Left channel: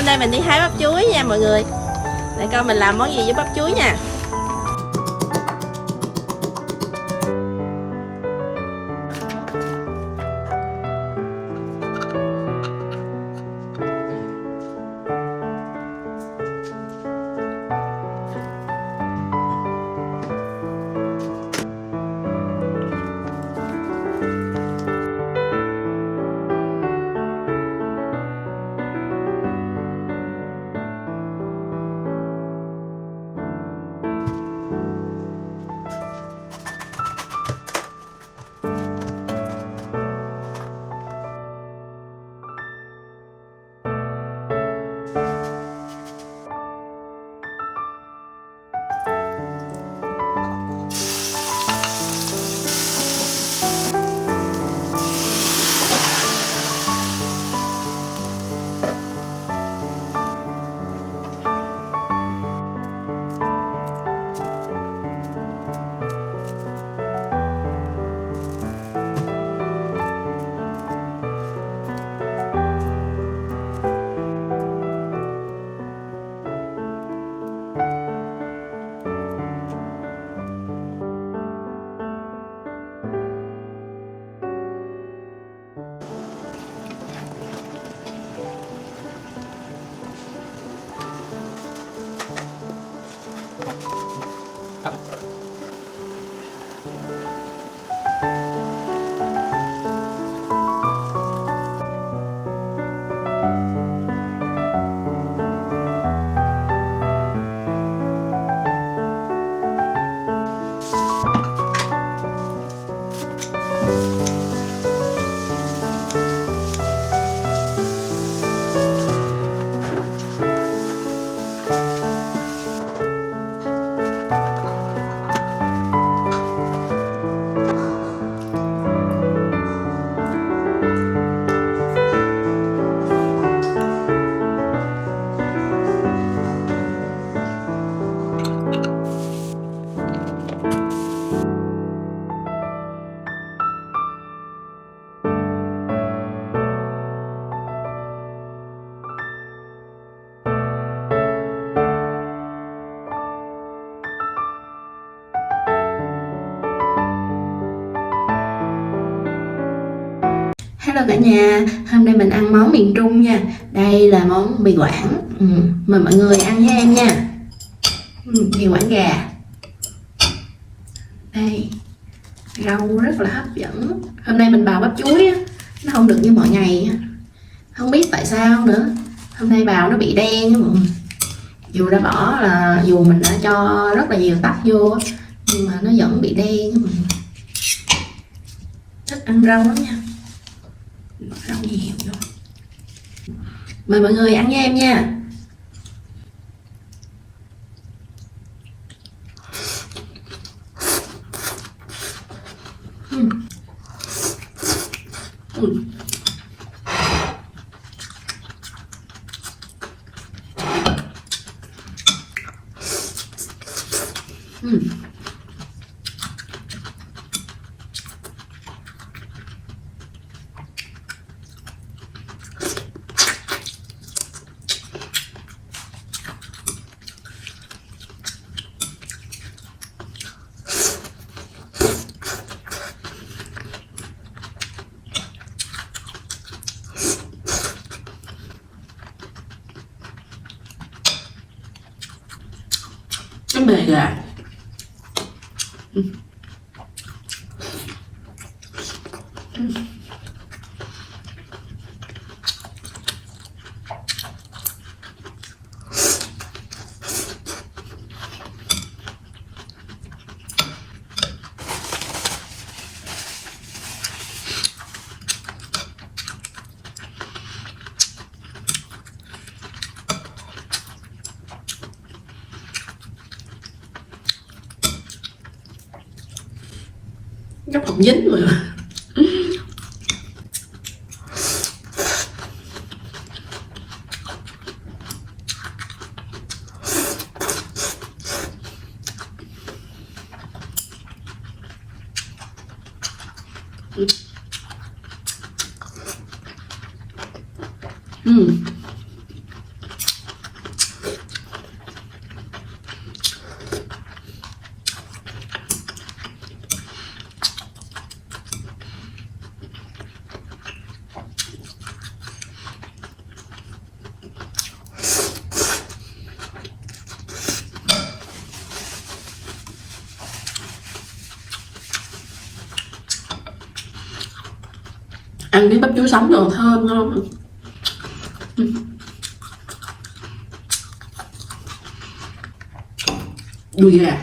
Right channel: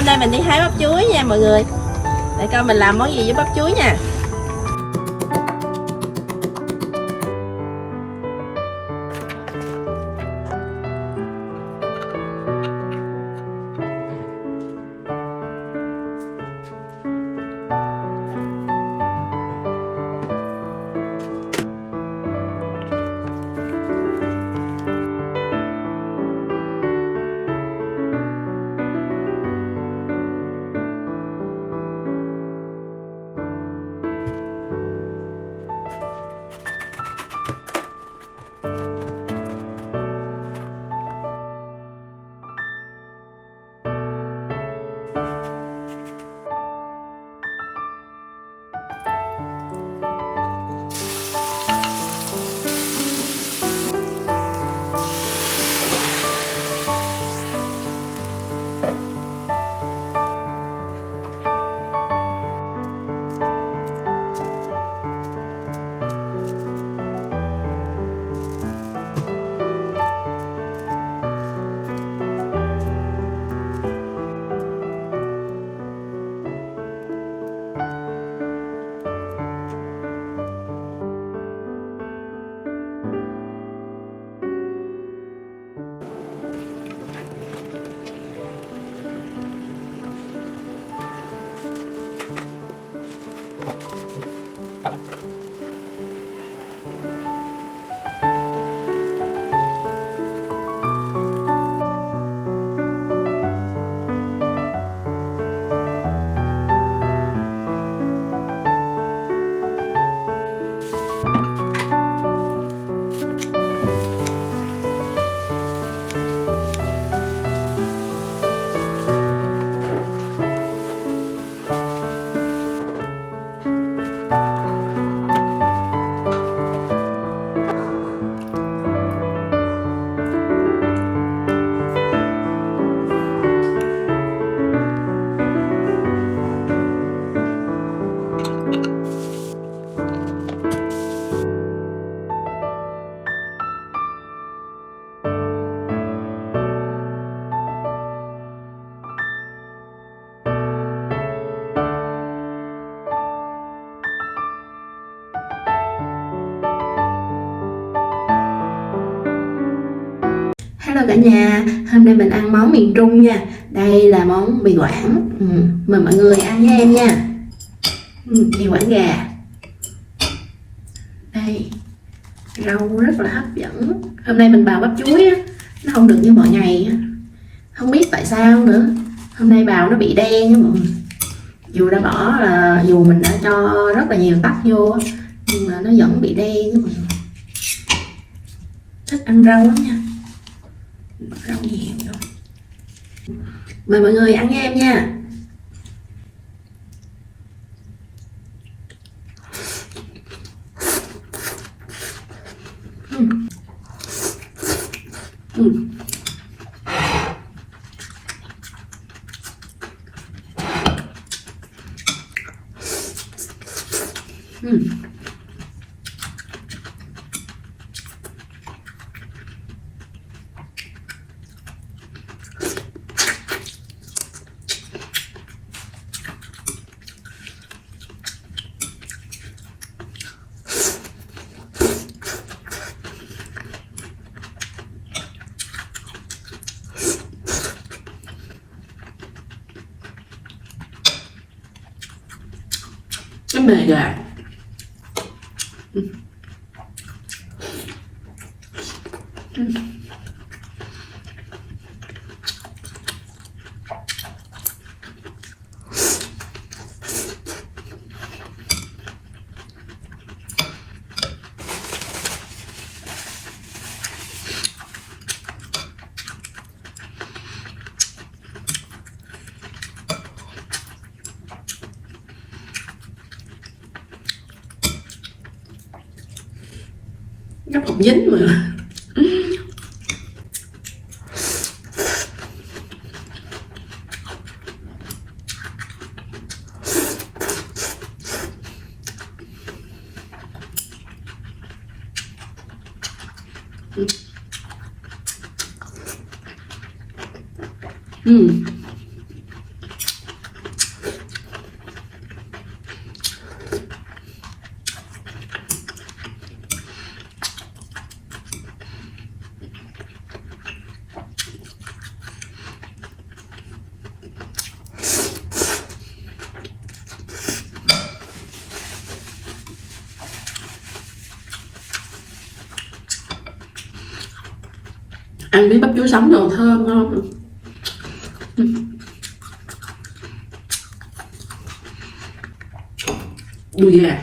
hôm nay mình đi hái bắp chuối nha mọi người. Để coi mình làm món gì với bắp chuối nha. Hello cả nhà, hôm nay mình ăn món miền Trung nha. Đây là món mì Quảng. Mời mọi người ăn với em nha. Mì Quảng gà. Đây, rau rất là hấp dẫn. Hôm nay mình bào bắp chuối á, nó không được như mọi ngày. Không biết tại sao nữa. Hôm nay bào nó bị đen nha mọi người. Dù mình đã cho rất là nhiều tắc vô nhưng mà nó vẫn bị đen nha mọi người. Thích ăn rau lắm nha. Rau nhiều vô. Mời mọi người ăn với em nha. Nó mề gà. Chắc không dính mà. Ăn với bắp chuối sống rồi thơm ngon. Đùi gà.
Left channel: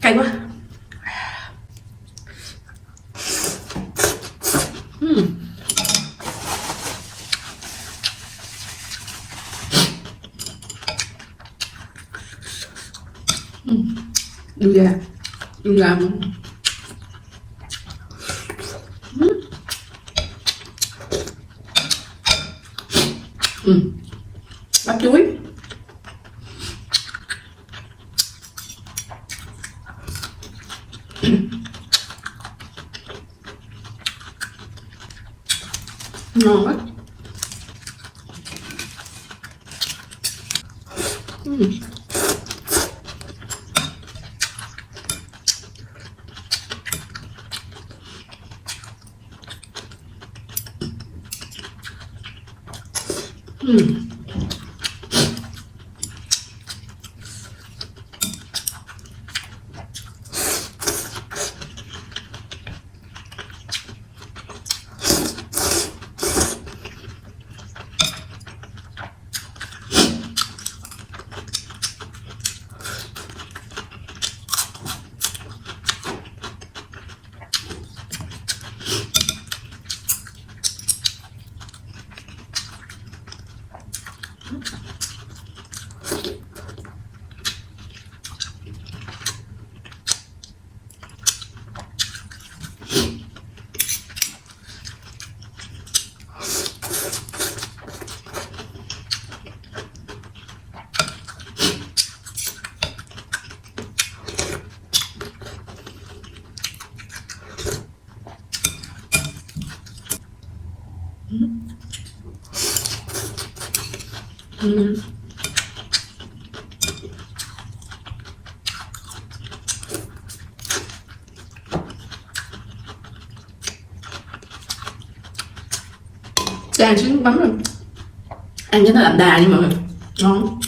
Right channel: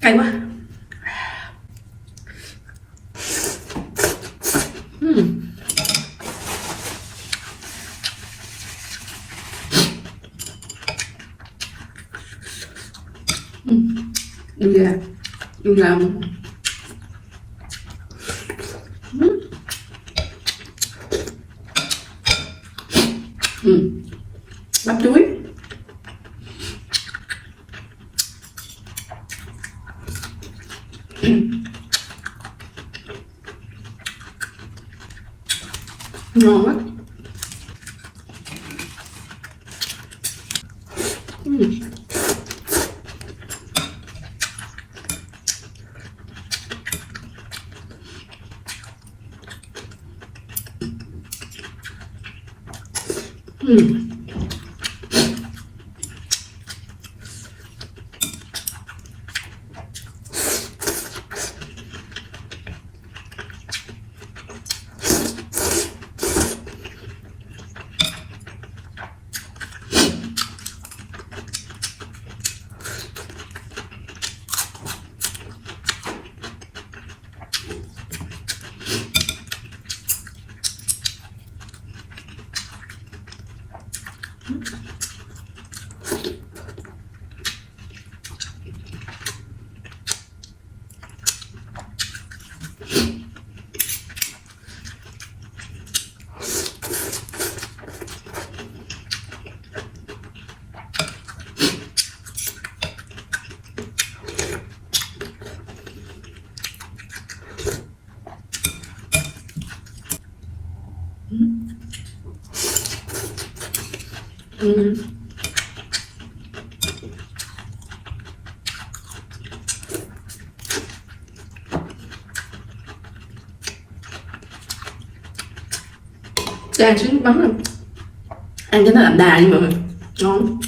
Cay quá. Đùi gà. Đùi gà. Bắp chuối. Ngon quá. Chan trứng bắn rồi. Ăn cho nó đậm đà đi mọi người. Ngon.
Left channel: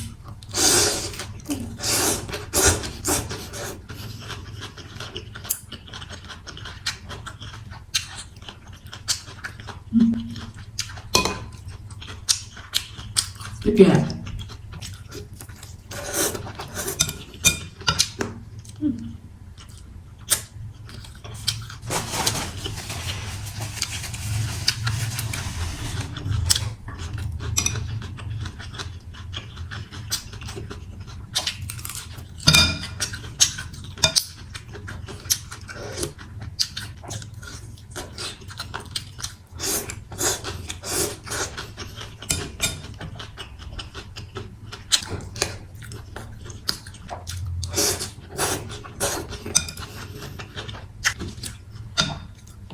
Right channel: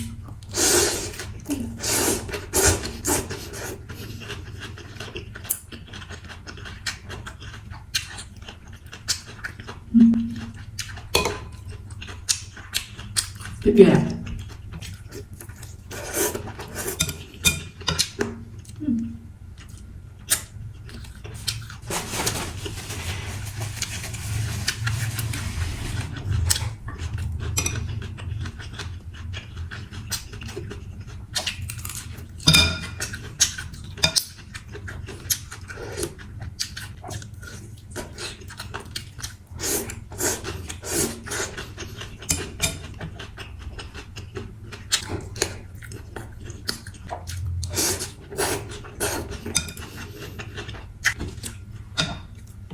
Tiếp gà.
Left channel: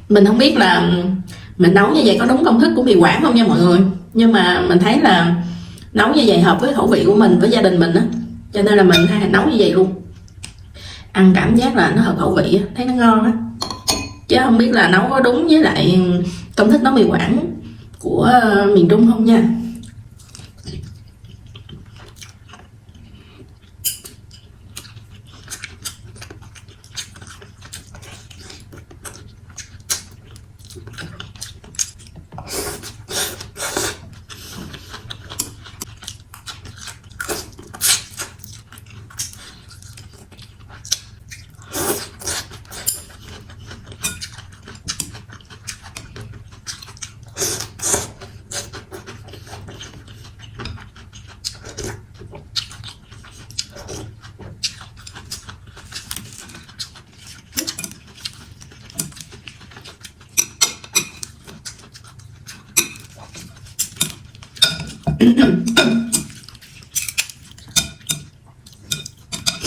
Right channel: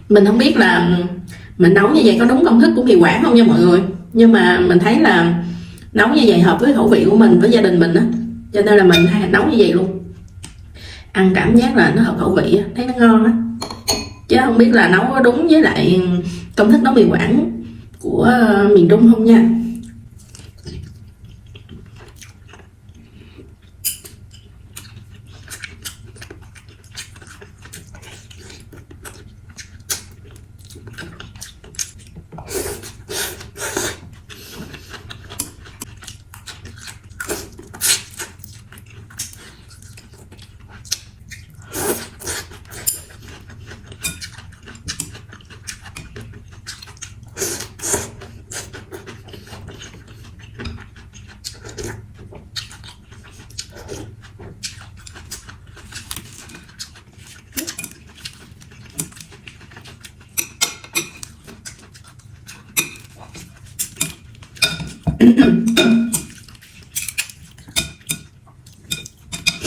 Mình không biết là mình nấu như vậy có đúng công thức của mì Quảng không nha mọi người, nhưng mà mình thấy là nấu như vậy hợp với khẩu vị của mình, với gia đình mình á, cho nên là mình nấu như vậy luôn. Ăn cảm giác là nó hợp khẩu vị á, thấy nó ngon á, chứ không biết là nấu có đúng với lại công thức nấu mì Quảng của miền Trung không nha.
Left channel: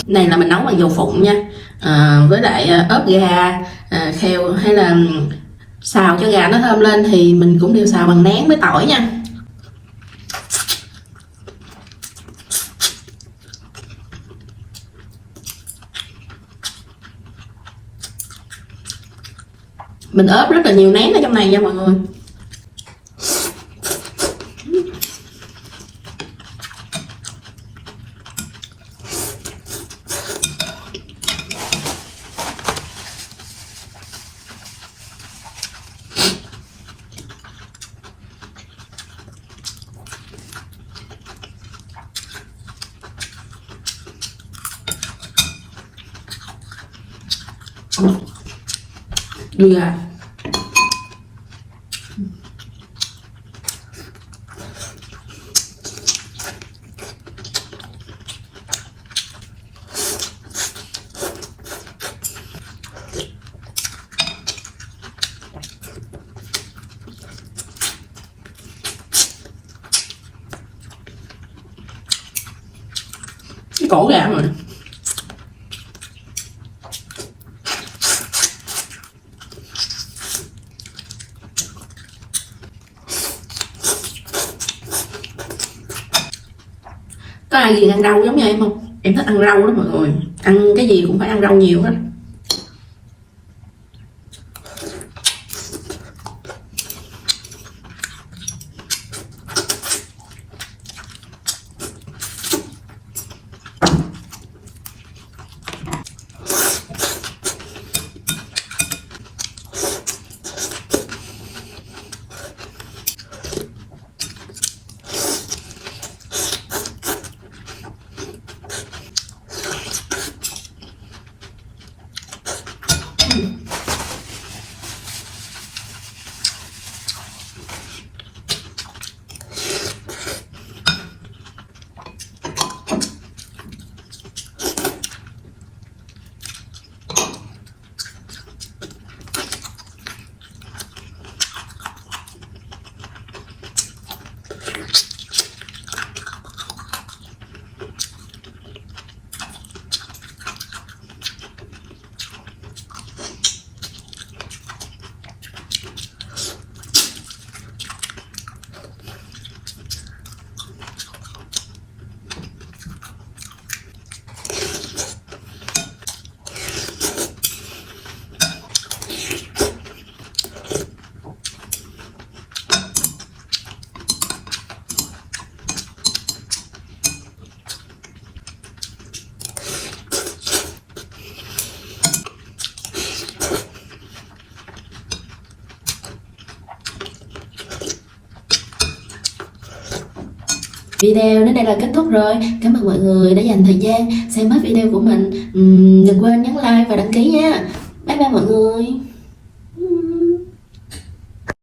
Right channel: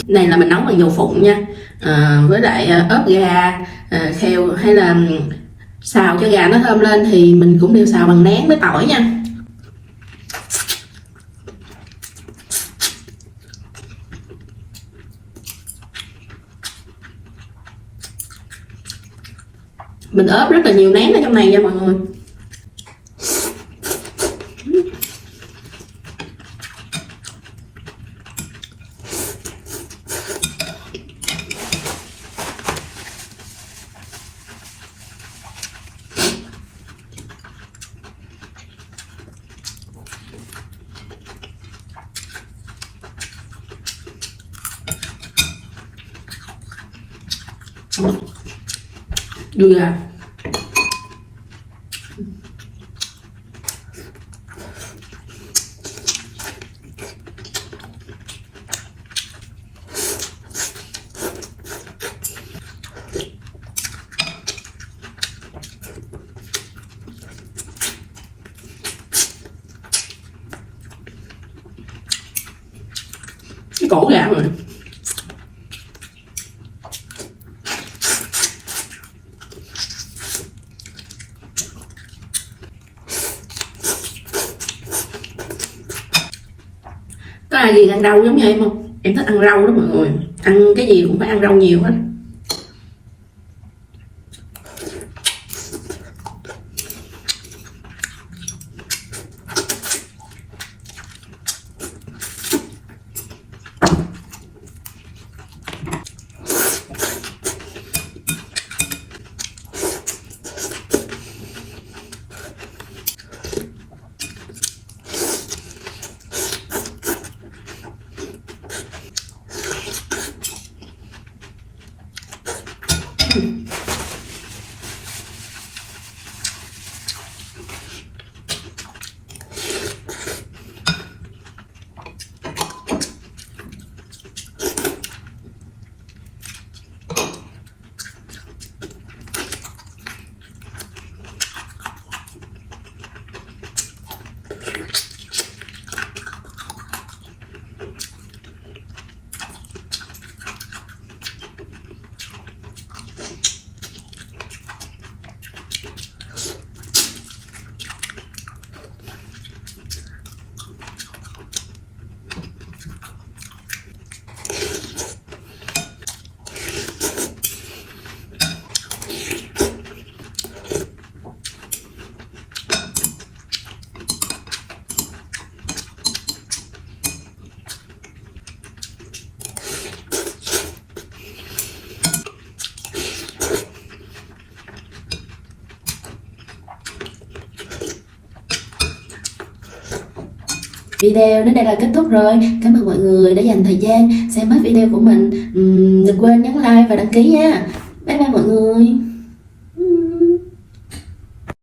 Này là mình nấu bằng dầu phụng nha, với lại ớp gà, kheo hay là xào cho gà nó thơm lên thì mình cũng đều xào bằng nén với tỏi nha. Mình ốp rất là nhiều nén ở trong này nha mọi người. Đùi gà. Cái cổ gà rồi. Có ai gì ăn rau giống như em không? Em thích ăn rau đó mọi người. Ăn cái gì cũng phải ăn rau nhiều hết. Video đến đây là kết thúc rồi. Cảm ơn mọi người đã dành thời gian xem hết video của mình. Đừng quên nhấn like và đăng ký nha. Bye bye mọi người.